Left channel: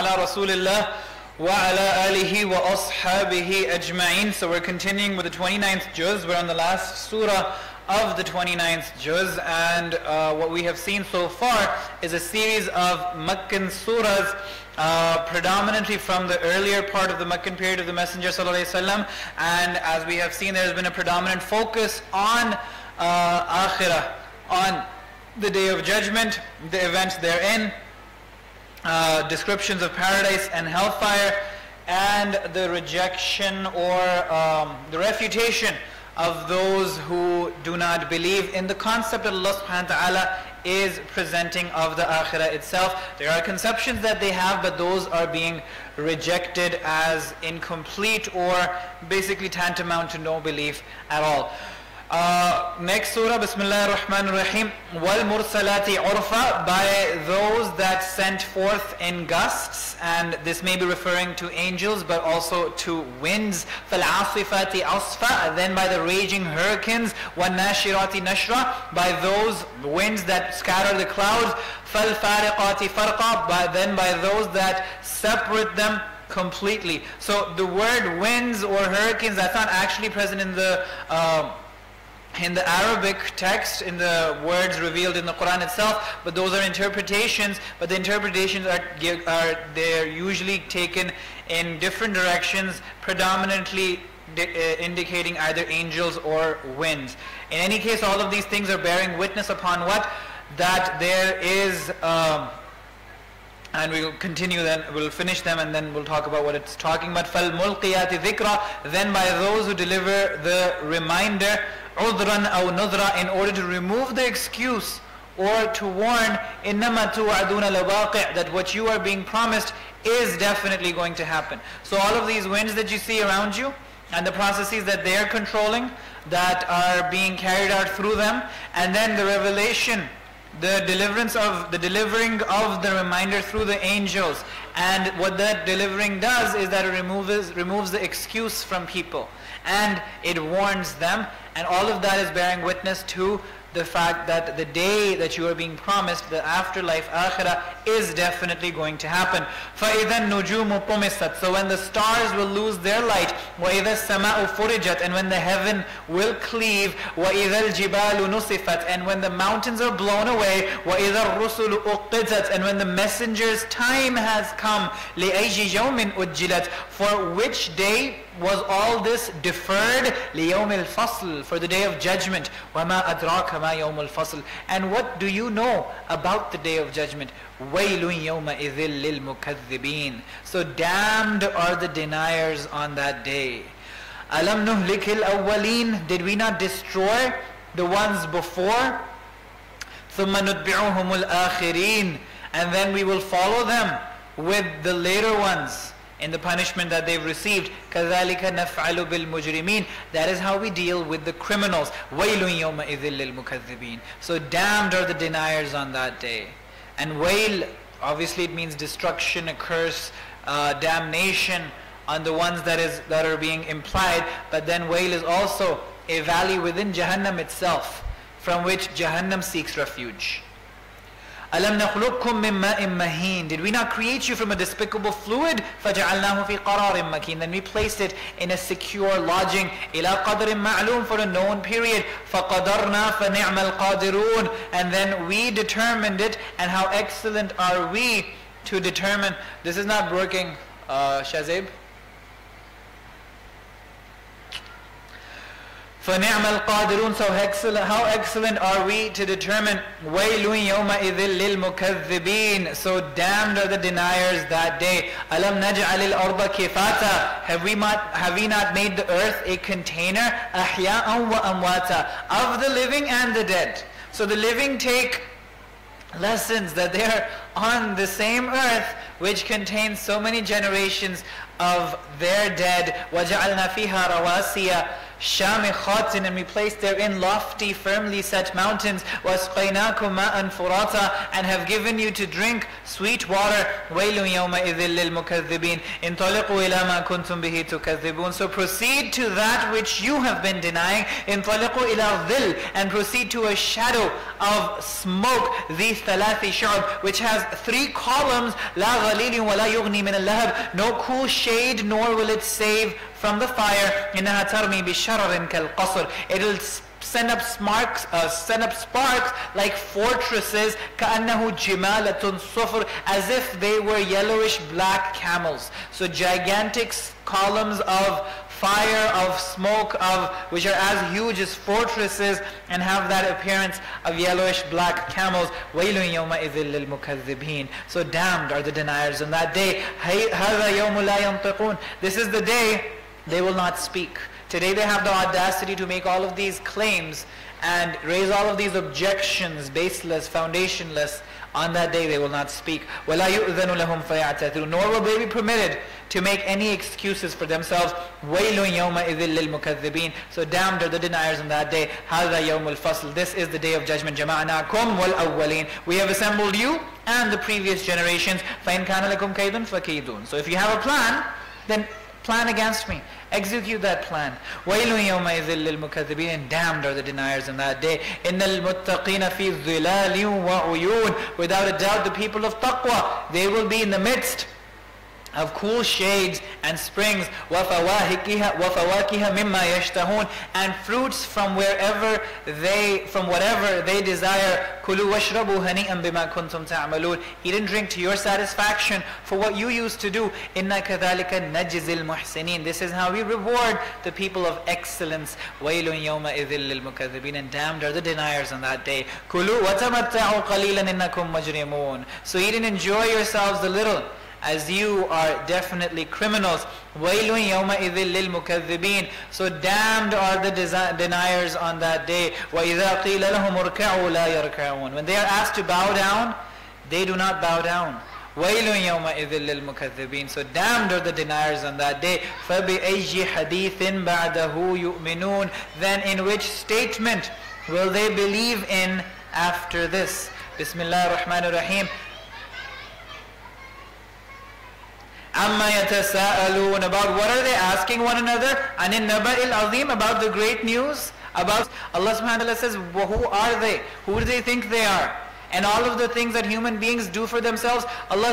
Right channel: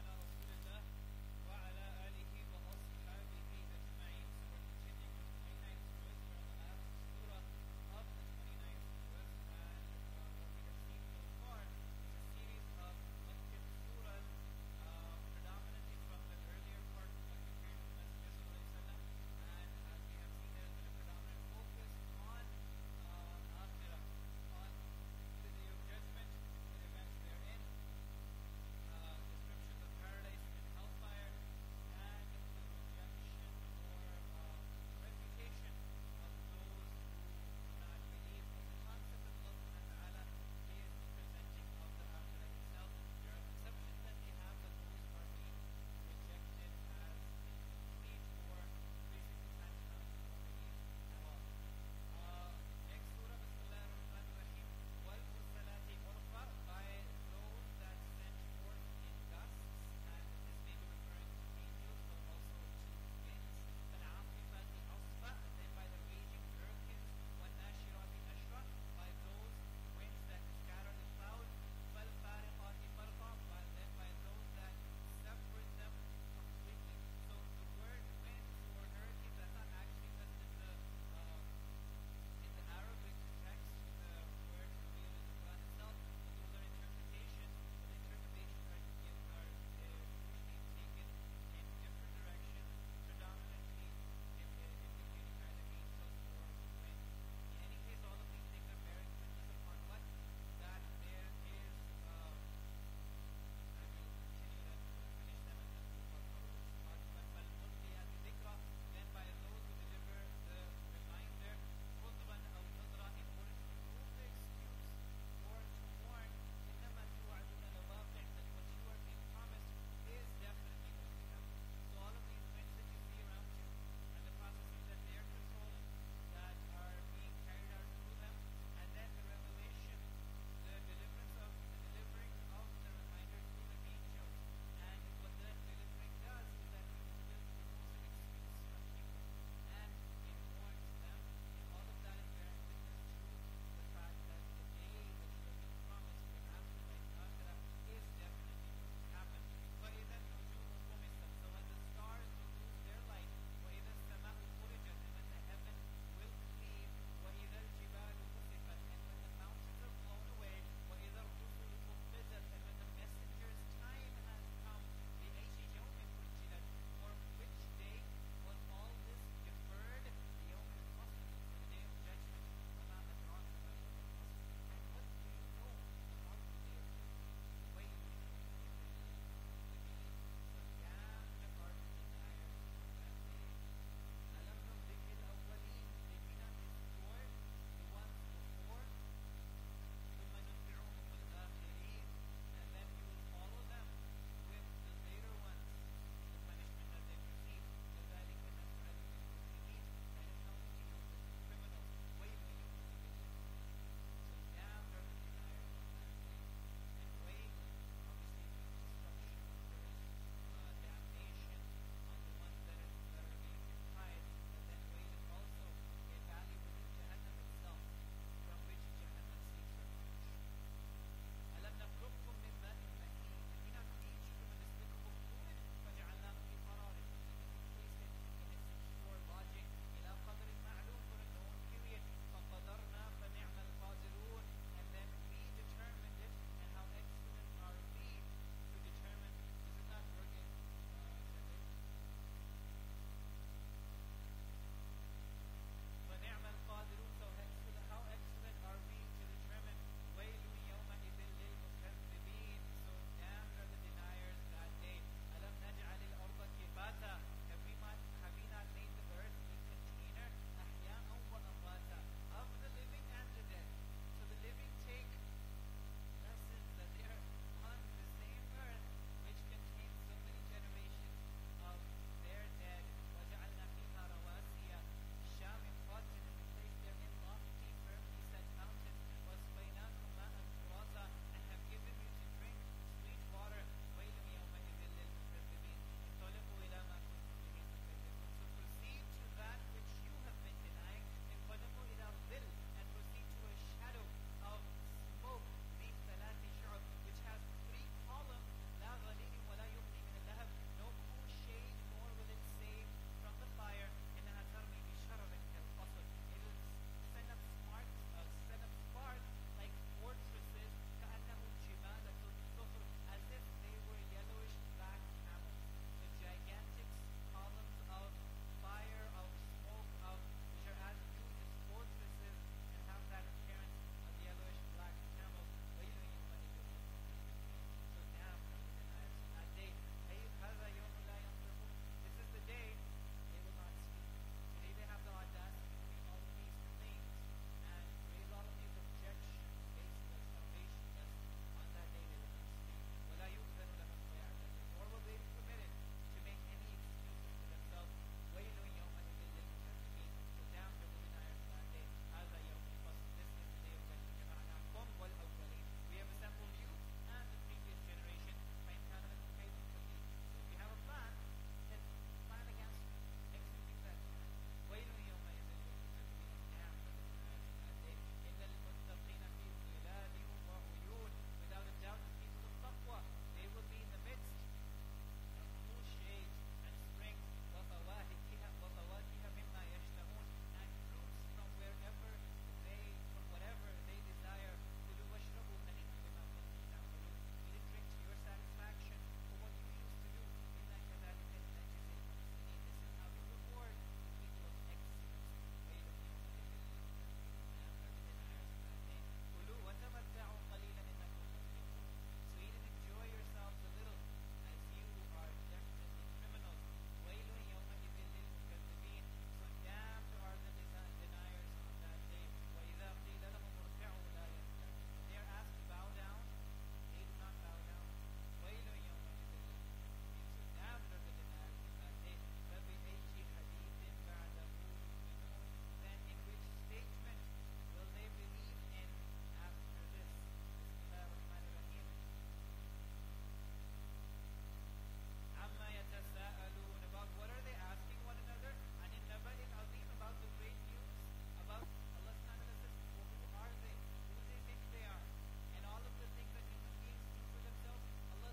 ala Rasulillah wa ala alihi wa ashabihi ajma'in. So we're continuing with the 29th juz. We're on the last surah of the 29th juz, and what we have seen so far is a series of Meccan surahs, predominantly from the earlier part of the Meccan period of the Messenger sallallahu alaihi wasallam. And as we have seen, there has been a predominant focus on akhirah, on the Day of Judgment, the events therein, descriptions of paradise and hellfire, and the rejection or the refutation of those who do not believe in the concept that Allah subhanahu wa ta'ala is presenting of the akhirah itself. There are conceptions that they have, but those are being rejected as incomplete or basically tantamount to no belief at all. Next surah, Bismillah ar-Rahman ar-Rahim. Wal mursalati urfa, by those that sent forth in gusts, and this may be referring to angels but also to winds. Fal asifati asfa, then by the raging hurricanes. Wan nashirati nashra, by those winds that scatter the clouds. Fal fariqati farqa, then by those that separate them completely. So the word winds or hurricanes, that's not actually present in the Arabic text, in the words revealed in the Quran itself, but those are interpretations. But the interpretations they're usually taken in different directions, predominantly indicating either angels or winds. In any case, all of these things are bearing witness upon what? That there is, and we'll continue, then we'll finish them and then we'll talk about what it's talking about. فَالْمُلْقِيَاتِ ذِكْرًا, then by those who deliver the reminder, عُذْرًا أَوْ نُذْرًا, in order to remove the excuse or to warn, إِنَّمَا تُوعَدُونَ لَوَاقِعْ, that what you are being promised is definitely going to happen. So all of these winds that you see around you and the processes that they are controlling, that are being carried out through them, and then the revelation, the delivering of the reminder through the angels, and what that delivering does is that it removes the excuse from people and it warns them, and all of that is bearing witness to the fact that the day that you are being promised, the afterlife, akhirah, is definitely going to happen. فَإِذَا النُّجُومُ طُمِسَتْ, so when the stars will lose their light, وَإِذَا السَّمَاءُ فُرِجَتْ, and when the heaven will cleave, وَإِذَا الْجِبَالُ نُصِفَتْ, and when the mountains are blown away, وَإِذَا الرُّسُلُ أُقِّتَتْ, and when the messenger's time has come, لِأَيِّ يَوْمٍ أُجِّلَتْ, for which day was all this deferred? لِيَوْمِ الْفَصْلِ, for the day of judgment. وَمَا أَدْرَاكَ مَا يَوْمُ الْفَصْلِ, and what do you know about the day of judgment? وَيْلٌ يَوْمَئِذٍ لِلْمُكَذِّبِينَ, so damned are the deniers on that day. أَلَمْ نُهْلِكِ الْأَوَّلِينَ, did we not destroy the ones before? ثُمَّ نُتْبِعُهُمُ الْآخِرِينَ, and then we will follow them with the later ones in the punishment that they've received. كَذَلِكَ نَفْعَلُ بِالْمُجْرِمِينَ, that is how we deal with the criminals. وَيْلٌ يَوْمَئِذٍ لِلْمُكَذِّبِينَ, so damned are the deniers on that day. And wail, obviously it means destruction, a curse, damnation on the ones that are being implied. But then wail is also a valley within Jahannam itself, from which Jahannam seeks refuge. أَلَمْ نَخْلُقكُّم مِّن مَّاءٍ مَّهِينٍ, did we not create you from a despicable fluid? فَجَعَلْنَاهُ فِي قَرَارٍ مَّكِينٍ, then we placed it in a secure lodging. إِلَى قَدْرٍ مَّعْلُومٍ, for a known period. فَقَدَرْنَا فَنِعْمَ الْقَادِرُونَ, and then we determined it, and how excellent are we to determine. This is not working, Shazib. فَنِعْمَ الْقَادِرُونَ, so how excellent are we to determine. وَيْلٌ يَوْمَئِذٍ لِلْمُكَذِّبِينَ, so damned are the deniers that day. أَلَمْ نَجْعَلِ الْأَرْضَ كِفَاتًا, have we not made the earth a container? أَحْيَاءً وَأَمْوَاتًا, of the living and the dead. So the living take lessons that they are on the same earth, which contains so many generations of their dead. وَجَعَلْنَا فِيهَا رَوَاسِيَ شَامِخَاتٍ, and we place therein lofty, firmly set mountains. وَاسْقَيْنَاكُمْ مَاءً فُرَاطًا, and have given you to drink sweet water. وَيْلٌ يَوْمَئِذٍ لِلْمُكَذِّبِينَ انطَلِقُوا إِلَى مَا كُنْتُمْ بِهِ تُكَذِّبُونَ. So proceed to that which you have been denying. انطَلِقُوا إِلَى الظِّلِّ, and proceed to a shadow of smoke. ذِي ثَلَاثِ شُعَبٍ, which has 3 columns. لَا غَلِيلٍ وَلَا يُغْنِي مِنَ اللَّهَبِ, no cool shade, nor will it save from the fire. إِنَّهَا تَرْمِي بِشَرَرٍ كَالْقَصْرِ, it will send up sparks like fortresses. كَأَنَّهُ جِمَالَةٌ صُفْرٌ, as if they were yellowish black camels. So gigantic columns of fire, of smoke, which are as huge as fortresses and have that appearance of yellowish black camels. وَيْلٌ يَوْمَئِذٍ لِلْمُكَذِّبِينَ. So damned are the deniers on that day. هَذَا يَوْمُ لَا يَنْطِقُونَ, this is the day they will not speak. Today they have the audacity to make all of these claims and raise all of these objections, baseless, foundationless. On that day they will not speak. وَلَا يُؤْذَنُ لَهُمْ فَيَعْتَذِرُونَ, nor will they be permitted to make any excuses for themselves. وَيْلٌ يَوْمَئِذٍ لِلْمُكَذِّبِينَ. So damned are the deniers on that day. هَذَا يَوْمُ الْفَصْلِ, this is the day of judgment. جَمَعْنَاكُمْ وَالْأَوَّلِينَ, we have assembled you and the previous generations. فَإِنْ كَانَ لَكُمْ كَيْدٌ فَكِيدُونَ. So if you have a plan, then plan against me. Execute that plan. وَيْلٌ يَوْمَئِذٍ لِلْمُكَذِّبِينَ, and damned are the deniers on that day. إِنَّ الْمُتَّقِينَ فِي ظِلَالٍ وَعُيُونٍ, without a doubt the people of taqwa, they will be in the midst of cool shades and springs. وَفَوَاكِهَ مِمَّا يَشْتَهُونَ, and fruits from whatever they desire. كُلُوا وَاشْرَبُوا هَنِيئًا بِمَا كُنْتُمْ تَعْمَلُونَ, eat and drink to your satisfaction for what you used to do. إِنَّا كَذَلِكَ نَجْزِي الْمُحْسِنِينَ, this is how we reward the people of excellence. وَيْلٌ يَوْمَئِذٍ لِلْمُكَذِّبِينَ, and damned are the deniers on that day. كُلُوا وَتَمَتَّعُوا قَلِيلًا إِنَّكُمْ مُجْرِمُونَ, so eat and enjoy yourselves a little, as you are definitely criminals. وَيْلٌ يَوْمَئِذٍ لِلْمُكَذِّبِينَ, so damned are the deniers on that day. وَإِذَا قِيلَ لَهُمُ ارْكَعُوا لَا يَرْكَعُونَ, when they are asked to bow down, they do not bow down. وَيْلٌ يَوْمَئِذٍ لِلْمُكَذِّبِينَ, so damned are the deniers on that day. فَبِأَيِّ حَدِيثٍ بَعْدَهُ يُؤْمِنُونَ, then in which statement will they believe in after this? Bismillah ar-Rahman ar-Rahim. Amma yatasa'alun, about what are they asking one another? Anin naba'il azim, about the great news. About Allah subhanahu wa ta'ala says, who are they? Who do they think they are? And all of the things that human beings do for themselves, Allah